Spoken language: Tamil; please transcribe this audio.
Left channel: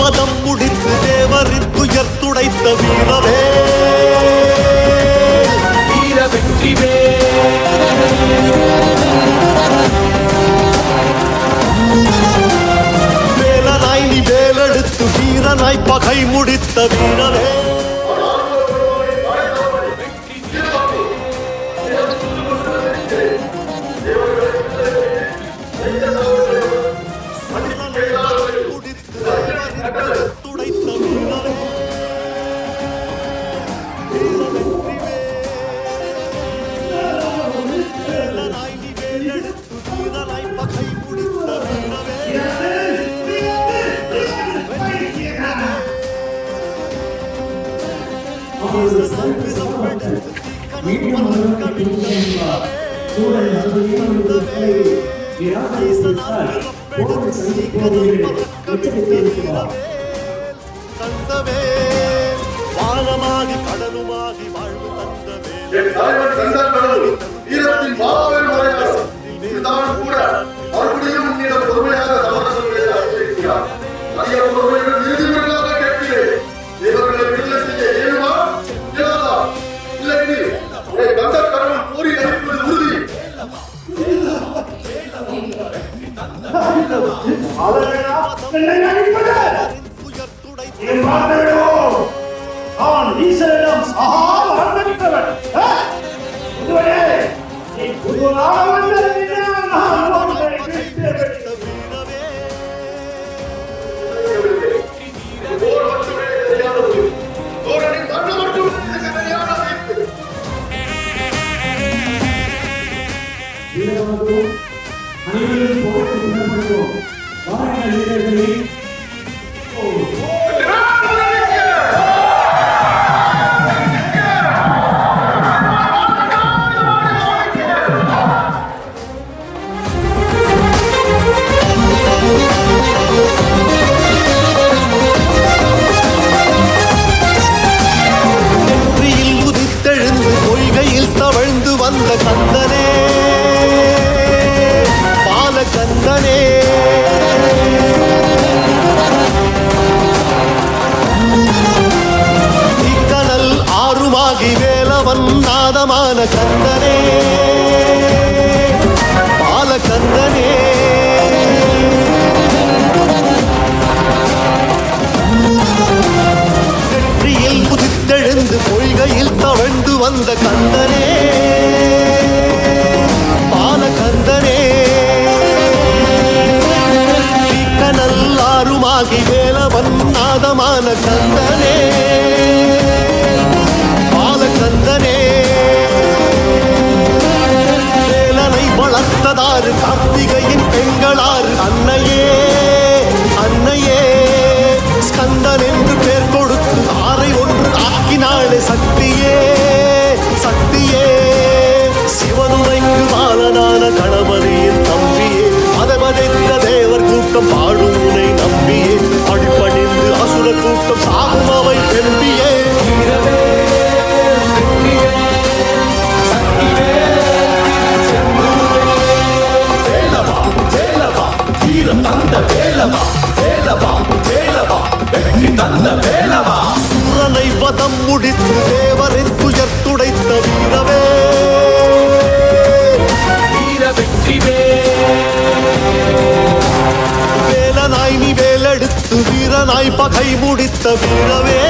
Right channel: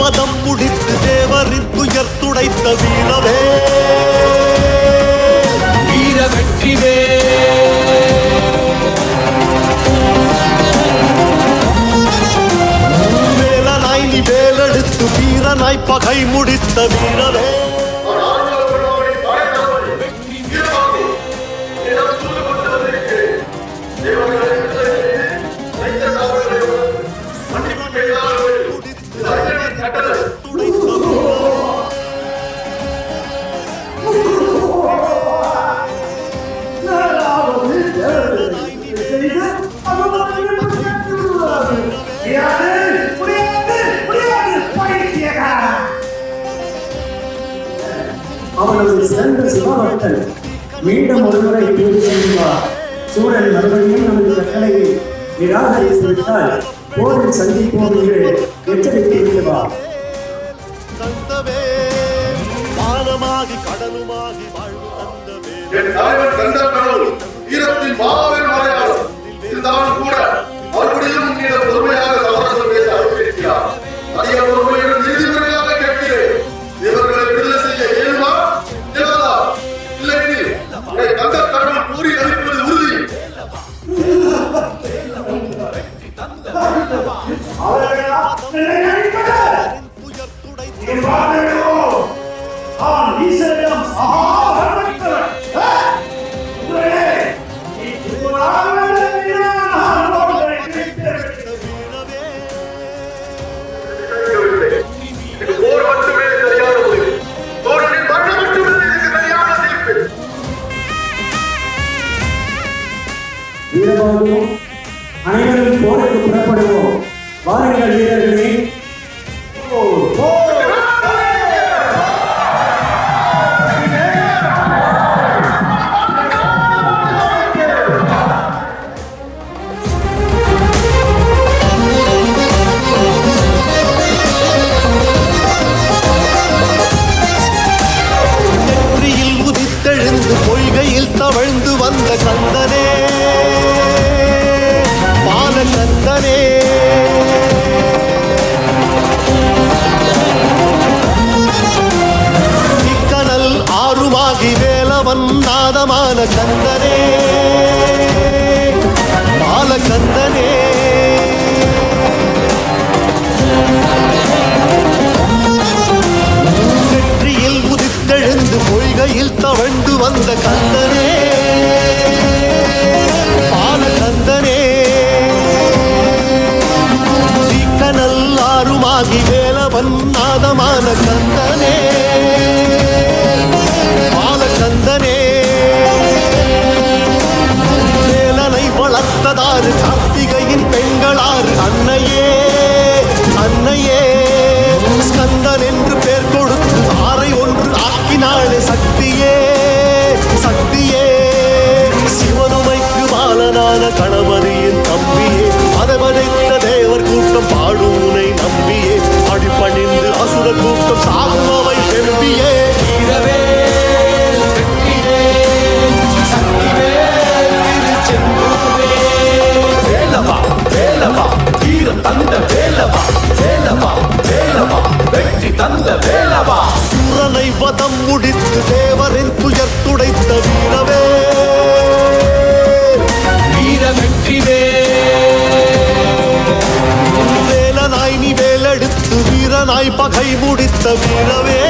பதம் முடித்து தேவரின் துயர் துடைத்த வீரவே வீர வெற்றிவே வேலனாய் நீ வேலெடுத்து வீரனாய் பகை முடித்த வீரவே மீண்டும் ஒருமுறை பூர்த்தி செய்வார். சூழல் மறுபடியும் நமது கட்டளையை நிராகரித்துவிட்டால் போரில் சந்திப்போம் என்று எச்சரித்திருக்கிறார். கந்தவே வானமாகி கடலுமாகி வாழ்வு தந்தவே என் தலைவன் கந்தன் வீரத்தின் மாபெரும் மலையாளர் இருந்தாலும் கூட மறுபடியும் உன்னிடம் பொறுமையாக சமரசம் பேச ஆரம்பிக்கிறார். அதிக பொறுமையுடன் நீதிமுறையாக கேட்கிறேன். இவர்களை விடுதலை செய்ய இயலுமா இயலாதா? இல்லை கந்த கடவுள் கூறி அளிப்பது உறுதி. அனைவரும் போருக்கு புறப்படுவோம். வாருங்கள் வீரர்களே. நெற்றியில் உதித்தெழுந்து பொய்கையில் தவழ்ந்து வந்த கந்தனே பாலகந்தனே இக்கனல் ஆறுமாகி வேலவன் நாதமான கந்தனே பாலகந்தனே நெற்றியில் உதித்தெழுந்து பொய்கையில் தவழ்ந்து வந்த கந்தனே பாலகந்தனே நல்லாருமாகி வேலவன் நாதமான கந்தனே பாலகந்தனே வேலனை வளர்த்ததாறு கார்த்திகையின் பெண்களாறு அன்னையே அன்னையே ஸ்கந்தன் என்று பேர் கொடுத்து ஆரை ஒன்று ஆக்கினாளே சக்தியே சக்தியே சிவனுமைக்கு பாலனான கணபதியின் தம்பியே பதபதைத்த தேவர் கூட்டம் பாடும் உனை நம்பியே அடிபணிந்து அசுர கூட்டம் சாகும் அவை வெம்பியே வேலவா வேலவா வீரம் தந்த வேலவா வேலவா வேலவா வெற்றி தந்த வேலவா சூரனை வதம் முடித்து தேவரின் துயர் துடைத்த வீரவே வீர வெற்றிவே வேலனாய் நீ வேலெடுத்து வீரனாய் பகை முடித்த வீரவே